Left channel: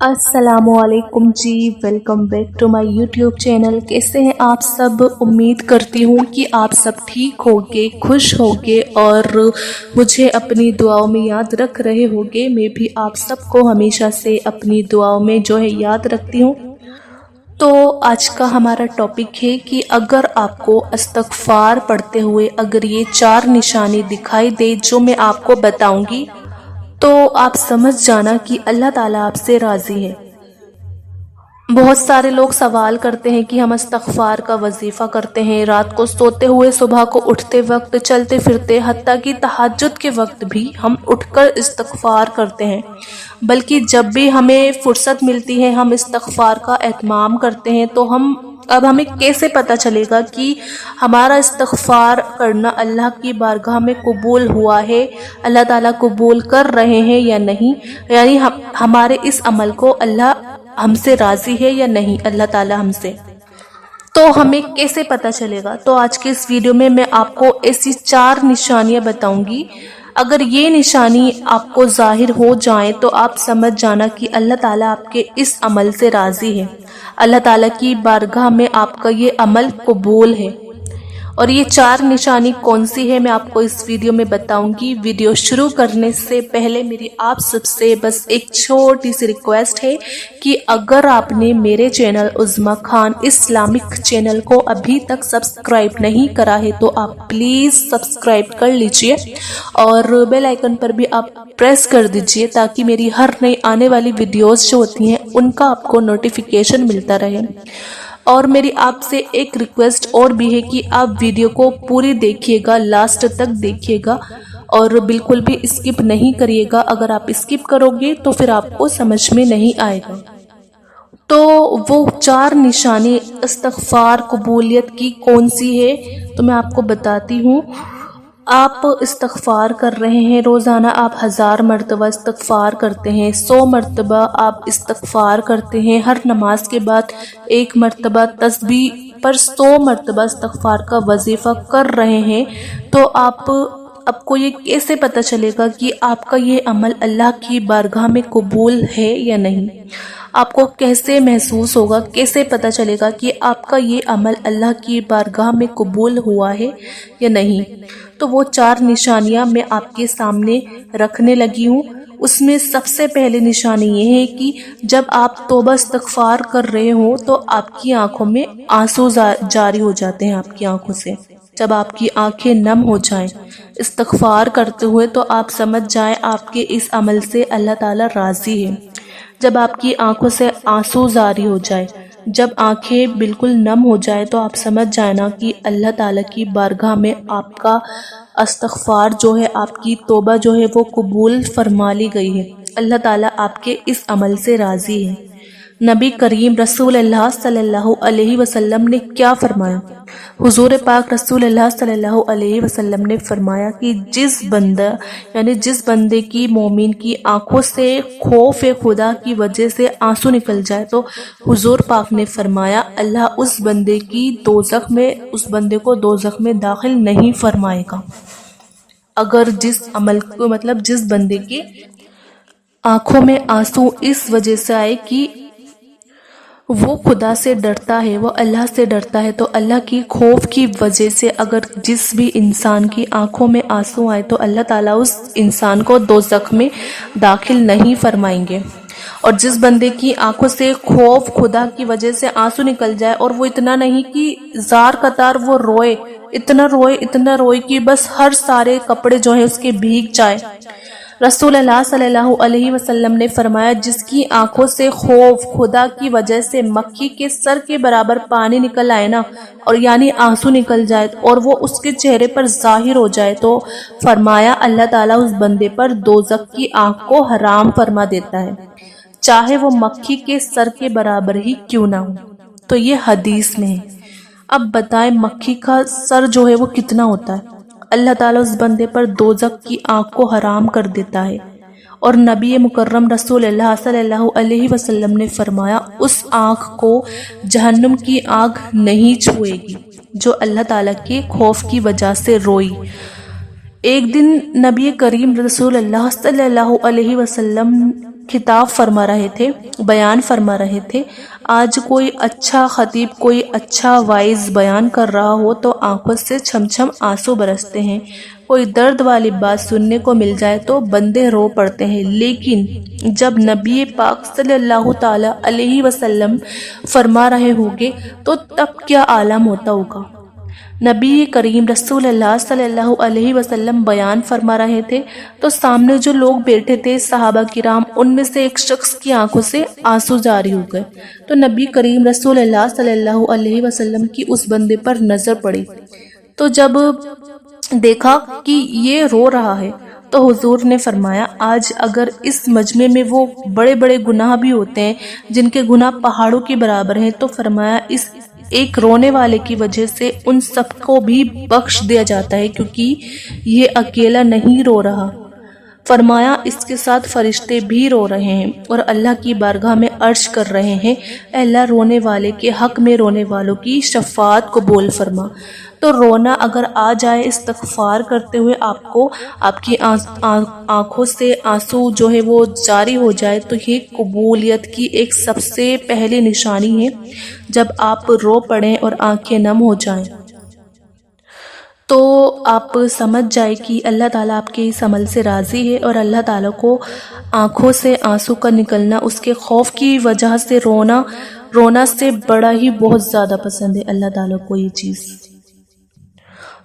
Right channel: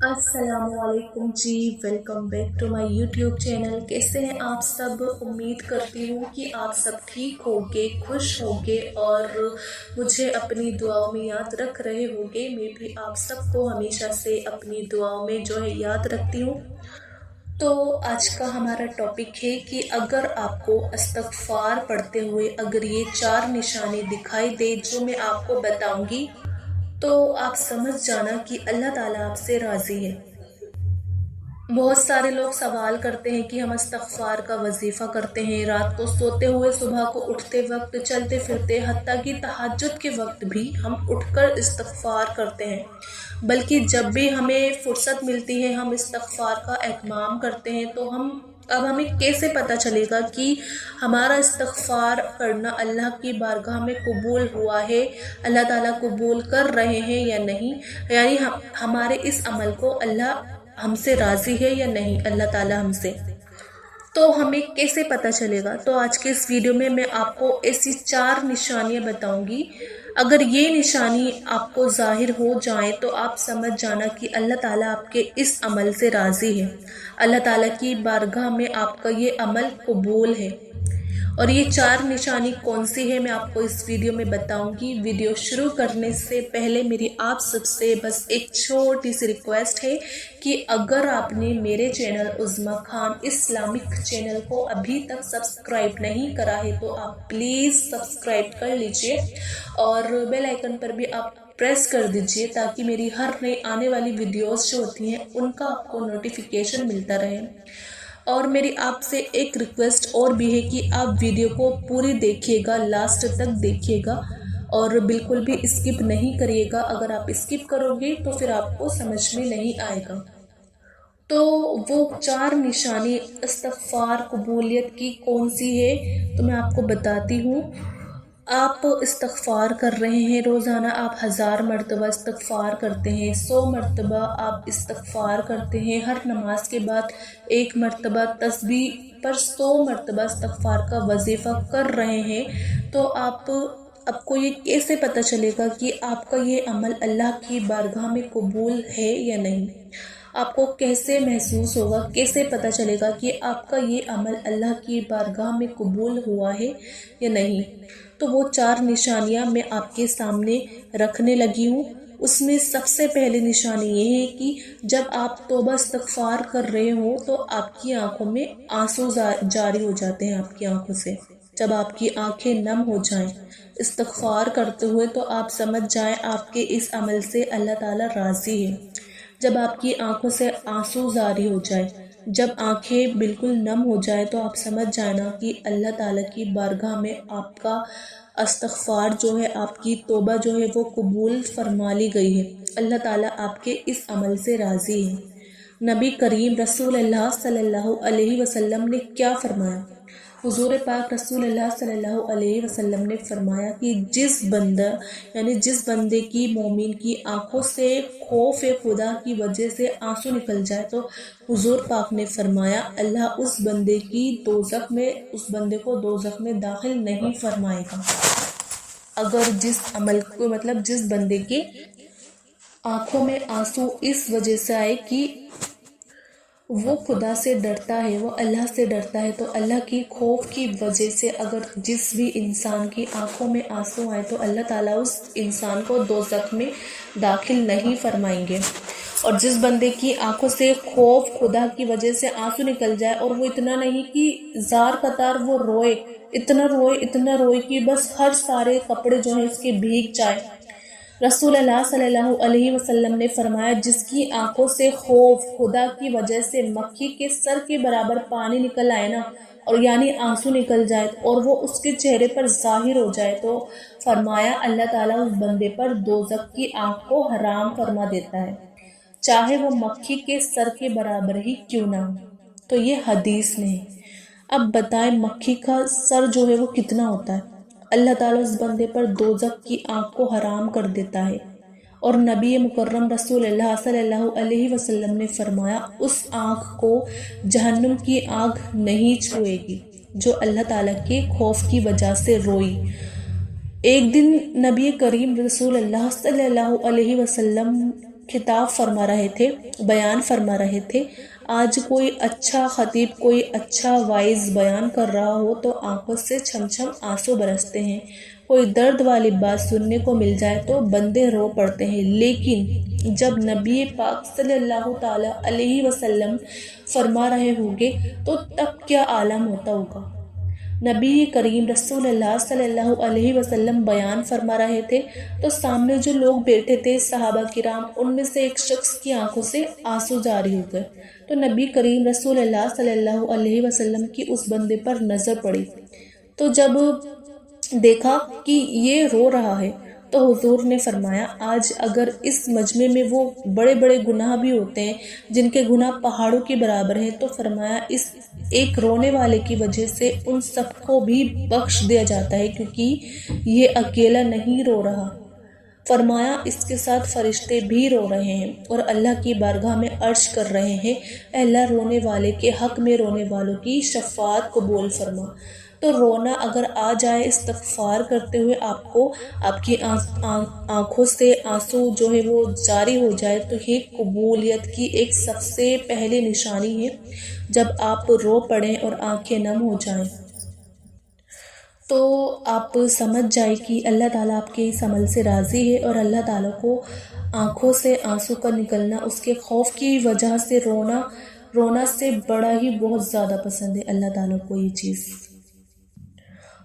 अस्सलामुअलैकुम जी, welcome back to my YouTube channel. कैसे हैं आप सब? उम्मीद करती हूँ कि आप सब ठीक होंगे, खुश होंगे और मुझे अपनी दुआओं में याद रख रहे होंगे। मैं भी आप सबको हमेशा से अपनी दुआओं में जो है याद रखती हूँ। तो आज का हमारा टॉपिक है कि अगर आपको इस्तग़फ़ार पढ़ते हुए अगर ये 4 निशानी दिखाई दे जो मैं आपको बताऊंगी, तो आप समझ जाना कि अल्लाह ताला आपसे राज़ी है। बहुत सारे लोग सवाल करते हैं कि हम इस्तग़फ़ार का वजीफ़ा करते हैं, रात को सोते हुए, सुबह को उठते वक्त, चलते फिरते, हत्ता कि तहज्जुद के वक्त भी हम उठकर इस्तग़फ़ार करते हैं। बल्कि जब भी हमें फुर्सत मिलती है हम इस्तग़फ़ार का एहतमाम करते हैं। तो अब हमें कैसे पता चलेगा कि हमारा इस्तग़फ़ार करना अल्लाह की बारगाह में कबूल हुआ है, अल्लाह ताला कबूल कर रहे हैं या नहीं, यानी हमारे इस अमल को अल्लाह हमसे राज़ी है या नहीं, अल्लाह ताला हमसे। तो हमें कैसे पता चलेगा? तो आज के इस वीडियो में मैं आपको ऐसी 4 निशानियां बताऊंगी। अगर ये निशानी आपको ज़ाहिर हो जाए तो आप समझ जाना कि अल्लाह ताला आपके इस अमल से राज़ी है, अल्लाह ताला की बारगाह में आपका ये अमल कबूल है। और ये 4 निशानी कौन सी है मैं आपको इस वीडियो में बताऊंगी। वीडियो शुरू करने से पहले मेरी आप सबसे बस एक छोटी सी रिक्वेस्ट है कि अगर आपने मेरे चैनल उज़्मा खान इस्लामिक चैनल को अभी तक सब्सक्राइब नहीं करा है तो आप प्लीज़ सब्सक्राइब कर लीजिए और बेल आइकन पर भी आप प्रेस कर दीजिए ताकि मेरी हर नई आने वाली वीडियोस जो होती हैं उनका आपको नोटिफिकेशन मिलता रहे। और मेरी आपसे एक रिक्वेस्ट और भी है कि आप वीडियो को पूरी देखिएगा, लास्ट तक देखिएगा और बिल्कुल भी स्किप नहीं करिएगा। अगर आप स्किप करोगे तो फिर आपको समझ में नहीं आएगा। तो वो 4 निशानी इस्तग़फ़ार कबूलियत की कौन सी है तो मैं आपको बताती हूँ। आप इस्तग़फ़ार कर रहे हैं, रोज़ाना आप 1000 मरतबा इस्तग़फ़ार करते हैं, 100 मरतबा आप इस्तग़फ़ार करते हैं, हर नमाज के बाद 1 मरतबा तस्बीह पर 100 मरतबा इस्तग़फ़ार का वजीफ़ा कर रहे हैं। तो आपको ये कैसे पता चलेगा कि आपका ये अमल अल्लाह की बारगाह में कबूल है या नहीं? आपको कैसे महसूस होगा, कैसे पता चलेगा कि आपका ये अमल अल्लाह की बारगाह में कबूल हुआ है या नहीं? तो वो 4 निशानियां मैं आपके सामने रखने लगी हूँ। उसमें सबसे पहली निशानी ये है कि जब आप तौबा इस्तग़फ़ार कर रहे हो तो आपकी आंखों में आंसू जारी हो जाते हैं। आपकी आंखों से जब आपकी आंखें नम हो जाएं इस्तग़फ़ार करते हुए तो आप समझ जाएं आपके इस अमल से अल्लाह ताला राज़ी है। जब आपकी आंखों से आंसू जारी हो जाए, जब आंखें बिल्कुल नम हो जाए तो आप समझ जाना कि अल्लाह ताला की बारगाह में आपका इस्तग़फ़ार जो है, आपकी तौबा जो है वो कबूल फरमा ली गई है। अल्लाह ताला आपके इस अमल से राज़ी है। नबी करीम रसूलुल्लाह सल्लल्लाहु अलैहि वसल्लम ने क्या फरमाया? हुजूर पाक रसूलुल्लाह सल्लल्लाहु अलैहि वसल्लम ने फरमाया कि जिस बंदे की मोमिन की आंखों से खौफ खुदा की वजह से आंसू निकल जाए तो हुजूर पाक ने फरमाया अल्लाह उस बंदे को दोज़ख में दाखिल नहीं फरमाएगा। अगर जिस बंदे के आंखों में आंसू इस वजह से आए कि वो खुदा से डरता है, वो अल्लाह से डरता है, तो अल्लाह की खौफ की वजह से अगर जिस भी इंसान की आंखों में आंसू आए तो अल्लाह ताला उस इंसान को दोज़ख में दाखिल नहीं फरमाएंगे। और जिस बंदे की आंखों से खौफ खुदा की वजह से आंसू निकल जाए और वो इतना नहीं कि जार कतार वो रोए, इतना रोए कि बस हर सारे कपड़े जो है उसके भीग जाए। रसूलुल्लाह सल्लल्लाहु अलैहि वसल्लम ने फरमाया जिसकी आंखों से खौफ खुदा की वजह से मक्खी के सर के बराबर पानी निकल आए ना, और यानी आंसू निकल जाए और वो उसके चेहरे पर जाहिर हो जाए तो फरमाया अल्लाह ताला उस बंदे पर दोज़ख की आग को हराम फरमा देता है, चाहे वो मक्खी के सर के बराबर ही क्यों ना हो। तो ये हदीस में है। अब बताएं मक्खी का सर जो है वो कितना होता है? अल्लाह ताला उस बंदे पर दोज़ख की आग को हराम कर देता है। और नबी मुकर्रम रसूलुल्लाह सल्लल्लाहु अलैहि वसल्लम ने फरमाया उस आग को जहन्नुम की आग नहीं छुएगी जो अल्लाह ताला के खौफ की वजह से रोई। एक दिन नबी करीम रसूलुल्लाह सल्लल्लाहु अलैहि वसल्लम खिताब फरमा रहे थे, बयान फरमा रहे थे। आज कोई अच्छा खतीब, कोई अच्छा वाइज बयान कर रहा हो तो आंखों से छमछम आंसू बरसते हैं। कोई दर्द वाली बात सुनने को मिल जाए तो बंदे रो पड़ते हैं। लेकिन जब नबी पाक सल्लल्लाहु ताला अलैहि वसल्लम फरमा रहे होंगे तो तब क्या आलम होता होगा। नबी करीम रसूलुल्लाह सल्लल्लाहु अलैहि वसल्लम बयान फरमा रहे थे तो सामने जो लोग बैठे थे सहाबा किराम, उनमें से एक शख्स की आंखों से आंसू जारी हो गए। तो नबी करीम रसूलुल्लाह सल्लल्लाहु अलैहि वसल्लम की उस बंदे पर नज़र पड़ी। तो जब देखा कि ये रो रहा है तो हुजूर ने फरमाया, आज अगर इस मजमे में वो बड़े बड़े गुनाह भी होते हैं जिनके गुनाह पहाड़ों के बराबर हैं, तो फरमाया इस एक रोने वाले की वजह से उन सबको भी बख्श दिया जाता है, क्योंकि ये अकेला नहीं रो रहा। फरमाया इसके साथ फरिश्ते भी रो रहे हैं और अल्लाह की बारगाह में अर्ज कर रहे हैं, अल्लाह रोने वाले के हक में रोने वालों की शफाअत कबूल फरमा। तो रोना अगर आ जाए इस्तग़फ़ार करते हुए आपको, आपकी आँखों से आंसू जो है वो जारी हो जाए, तो ये कबूलियत की एक सबसे पहली निशानी है। जब आप रो पड़ें और आंखें नम हो जाएं तो आप समझ जाए कि अल्लाह ताला आपके इस अमल से राज़ी है और अल्लाह ताला को आँखों से आंसू का निकलना, उसके खौफ की वजह से रोना से बड़ा ही बहुत ज़्यादा पसंद है अल्लाह ताला को ये चीज़।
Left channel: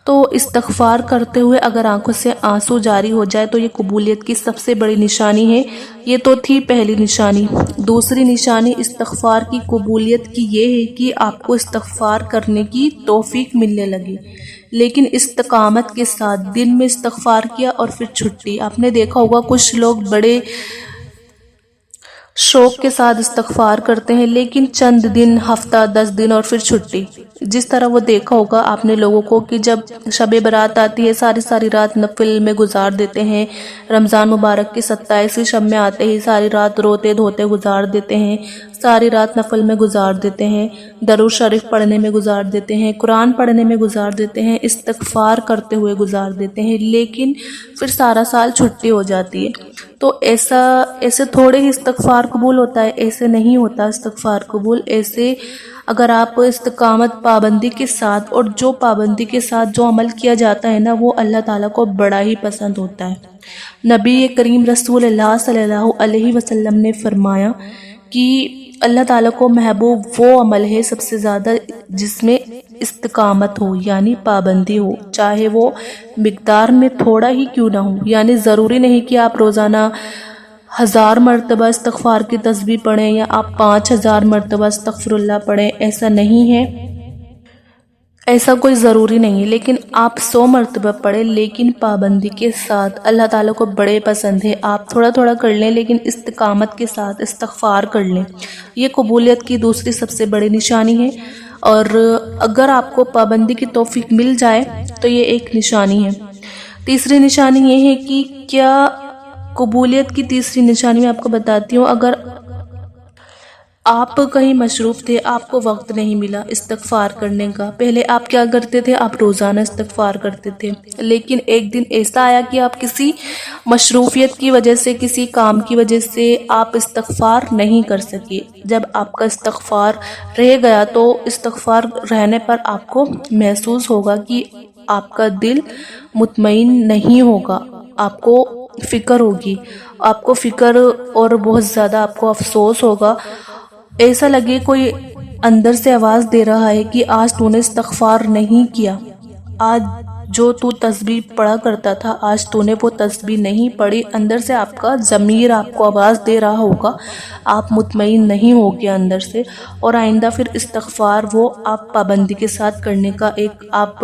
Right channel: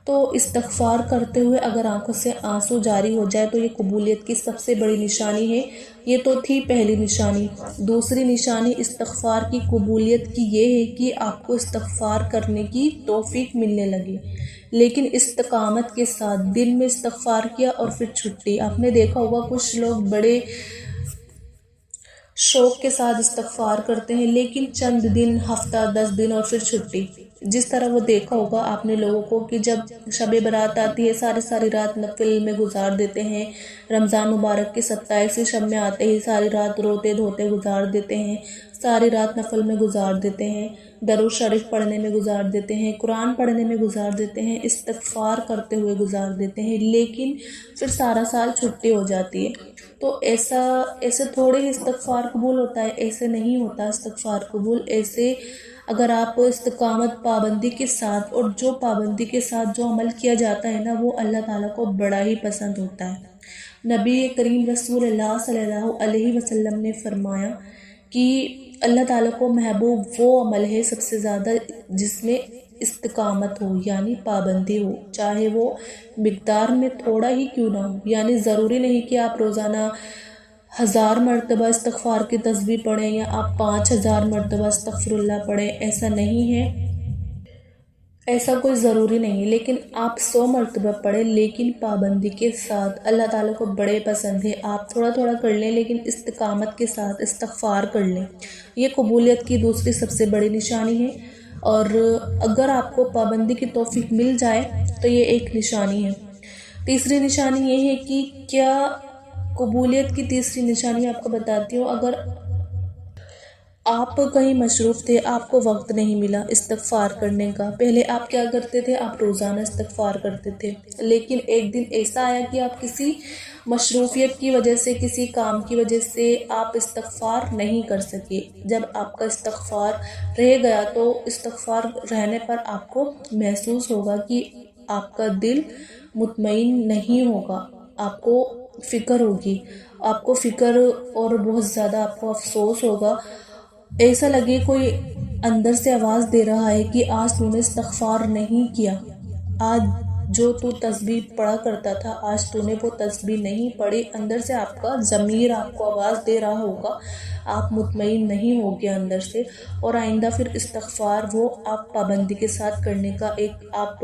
तो इस्तग़फ़ार करते हुए अगर आंखों से आंसू जारी हो जाए तो ये कबूलियत की सबसे बड़ी निशानी है। ये तो थी पहली निशानी। दूसरी निशानी इस्तग़फ़ार की कबूलियत की ये है कि आपको इस्तग़फ़ार करने की तौफ़ीक मिलने लगे, लेकिन इस्तिक़ामत के साथ। दिन में इस्तग़फ़ार किया और फिर छुट्टी। आपने देखा होगा कुछ लोग बड़े शौक़ के साथ इस्तग़फ़ार करते हैं, लेकिन चंद दिन, हफ्ता, 10 दिन और फिर छुट्टी। जिस तरह वो देखा होगा आपने लोगों को कि जब शब बारात आती है सारी सारी रात नफिल में गुजार देते हैं। रमज़ान मुबारक की 27वीं शब में आते ही सारी रात रोते धोते गुजार देते हैं, सारी रात नफल में गुजार देते हैं, दरूद शरीफ पढ़ने में गुजार देते हैं, कुरान पढ़ने में गुजार देते हैं, इस्तग़फ़ार करते हुए गुजार देते हैं, लेकिन फिर सारा साल छुट्टी हो जाती है। तो ऐसे थोड़े ही इस्तग़फ़ार कबूल होता है, ऐसे नहीं होता इस्तग़फ़ार कबूल। ऐसे अगर आप इस्तिक़ामत पाबंदी के साथ, और जो पाबंदी के साथ जो अमल किया जाता है ना, वो अल्लाह ताला को बड़ा ही पसंद होता है। नबी करीम रसूलुल्लाह सल्लल्लाहु अलैहि वसल्लम ने फरमाया कि अल्लाह ताला को महबूब वो अमल है सबसे ज़्यादा जिसमें इस्तिक़ामत हो, यानी पाबंदी हो, चाहे वो मिक़दार में थोड़ा ही क्यों ना हो। यानी ज़रूरी नहीं कि आप रोज़ाना 1000 मरतबा इस्तग़फ़ार की तस्बीह पढ़ें या आप 5000 मरतबा अस्तग़फ़िरुल्लाह पढ़ें, ऐसा नहीं है, ऐसा कोई ज़रूरी नहीं है। लेकिन आप 100 मरतबा पढ़ें, लेकिन पाबंदी के साथ। अल्लाह ताला को बड़े पसंद है। आप थोड़ा थोड़ा कर लें, लेकिन इस्तिक़ामत के साथ इस्तग़फ़ार कर लें। ये कबूलियत की दूसरी सबसे बड़ी निशानी है। और अगर आपको पाबंदी की तौफ़ीक मिल जाए तो ये एक निशानी है। तीसरी निशानी ये है कि क्या कबूलियत की तीसरी निशानी मैं आपको बताती हूँ। अगर आप कहीं मशरूफ़ थे, आपको वक्त नहीं मिला इस्तग़फ़ार करने का, पहले आप क्या करते थे, आप रोज़ाना इस्तग़फ़ार करते थे, लेकिन एक दिन ऐसा आया कि आप किसी मशरूफ़ियत की वजह से, किसी काम की वजह से आप इस्तग़फ़ार नहीं कर सके। जब आपका इस्तग़फ़ार रह गया तो इस्तग़फ़ार रहने पर आपको महसूस होगा कि आपका दिल मुतमईन नहीं होगा, आपको फ़िक्र होगी, आपको फ़िक्र और बहुत ज़्यादा आपको अफसोस होगा। ऐसा लगे कोई अंदर से आवाज़ दे रहा है कि आज तूने इस्तग़फ़ार नहीं किया, आज जो तू तस्बीह पढ़ा करता था आज तूने वो तस्बीह नहीं पढ़ी। अंदर से आपका ज़मीर आपको आवाज़ दे रहा होगा, आप मुतमईन नहीं होगे अंदर से। और आइंदा फिर इस्तग़फ़ार वो आप पाबंदी के साथ करने का एक आप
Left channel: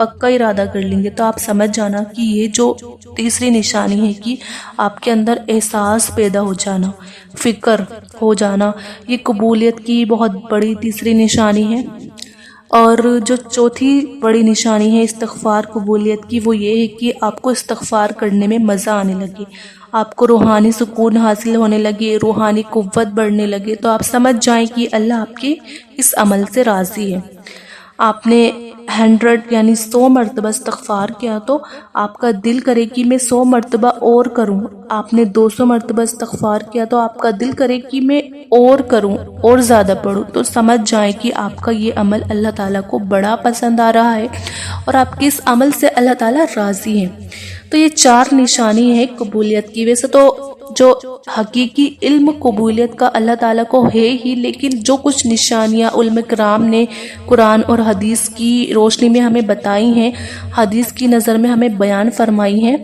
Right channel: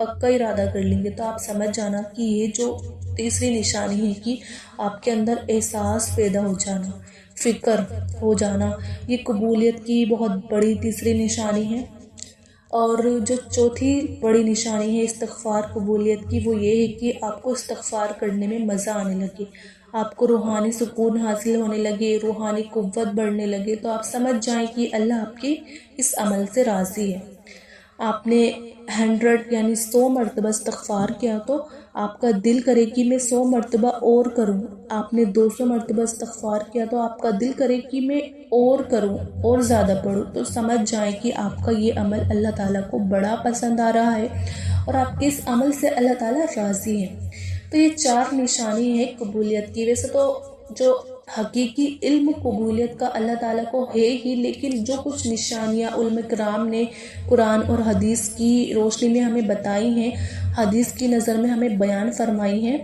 पक्का इरादा कर लेंगे। तो आप समझ जाना कि ये जो तीसरी निशानी है कि आपके अंदर एहसास पैदा हो जाना, फ़िक्र हो जाना, ये कबूलियत की बहुत बड़ी तीसरी निशानी है। और जो चौथी बड़ी निशानी है इस्तग़फ़ार कबूलियत की, वो ये है कि आपको इस्तग़फ़ार करने में मज़ा आने लगे, आपको रूहानी सुकून हासिल होने लगे, रूहानी क़ुव्वत बढ़ने लगे। तो आप समझ जाएं कि अल्लाह आपके इस अमल से राज़ी है। آپ نے 100 یعنی 100 مرتبہ استغفار کیا تو آپ کا دل کرے کہ میں 100 مرتبہ اور کروں. آپ نے 200 مرتبہ استغفار کیا تو آپ کا دل کرے کہ میں اور کروں اور زیادہ پڑھوں. تو سمجھ جائیں کہ آپ کا یہ عمل اللہ تعالیٰ کو بڑا پسند آ رہا ہے اور آپ کے اس عمل سے اللہ تعالیٰ راضی ہیں. تو یہ 4 نشانی ہے قبولیت کی. ویسے تو جو حقیقی علم قبولیت کا اللہ تعالیٰ کو ہے ہی، لیکن جو کچھ نشانیاں علماء کرام نے قرآن اور حدیث کی روشنی میں ہمیں بتائی ہیں، حدیث کی نظر میں ہمیں بیان فرمائی ہیں،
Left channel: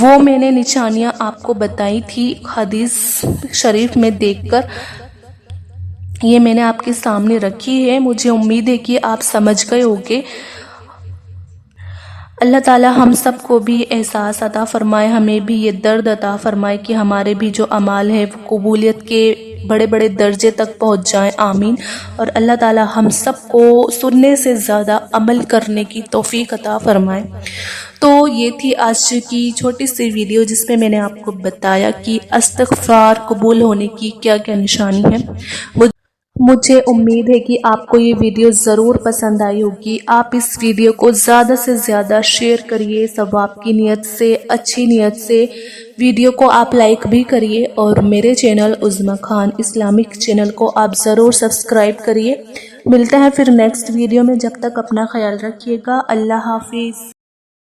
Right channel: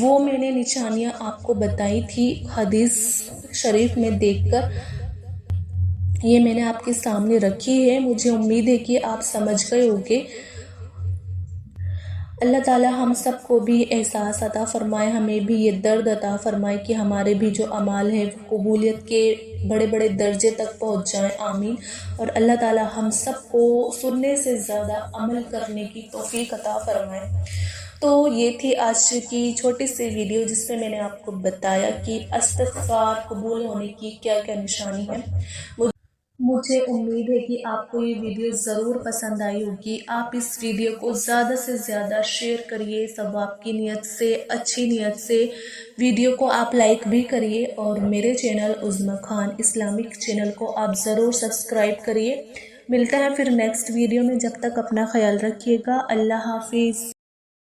وہ میں نے نشانیاں آپ کو بتائی تھی حدیث شریف میں دیکھ کر. یہ میں نے آپ کے سامنے رکھی ہے. مجھے امید ہے کہ آپ سمجھ گئے ہوگے. اللہ تعالیٰ ہم سب کو بھی احساس عطا فرمائے، ہمیں بھی یہ درد عطا فرمائے کہ ہمارے بھی جو اعمال ہے وہ قبولیت کے بڑے بڑے درجے تک پہنچ جائیں. آمین. اور اللہ تعالیٰ ہم سب کو سننے سے زیادہ عمل کرنے کی توفیق عطا فرمائے. تو یہ تھی آج کی چھوٹی سی ویڈیو جس میں نے آپ کو بتایا کہ استغفار قبول ہونے کی کیا کیا نشانی ہے. مجھے امید ہے کہ آپ کو یہ ویڈیو ضرور پسند آئی ہوگی. آپ اس ویڈیو کو زیادہ سے زیادہ شیئر کریے ثواب کی نیت سے، اچھی نیت سے. ویڈیو کو آپ لائک بھی کریے اور میرے چینل عظمیٰ خان اسلامک چینل کو آپ ضرور سبسکرائب کریے. ملتے ہیں پھر نیکسٹ ویڈیو میں. جب تک اپنا خیال رکھیے گا. اللہ حافظ.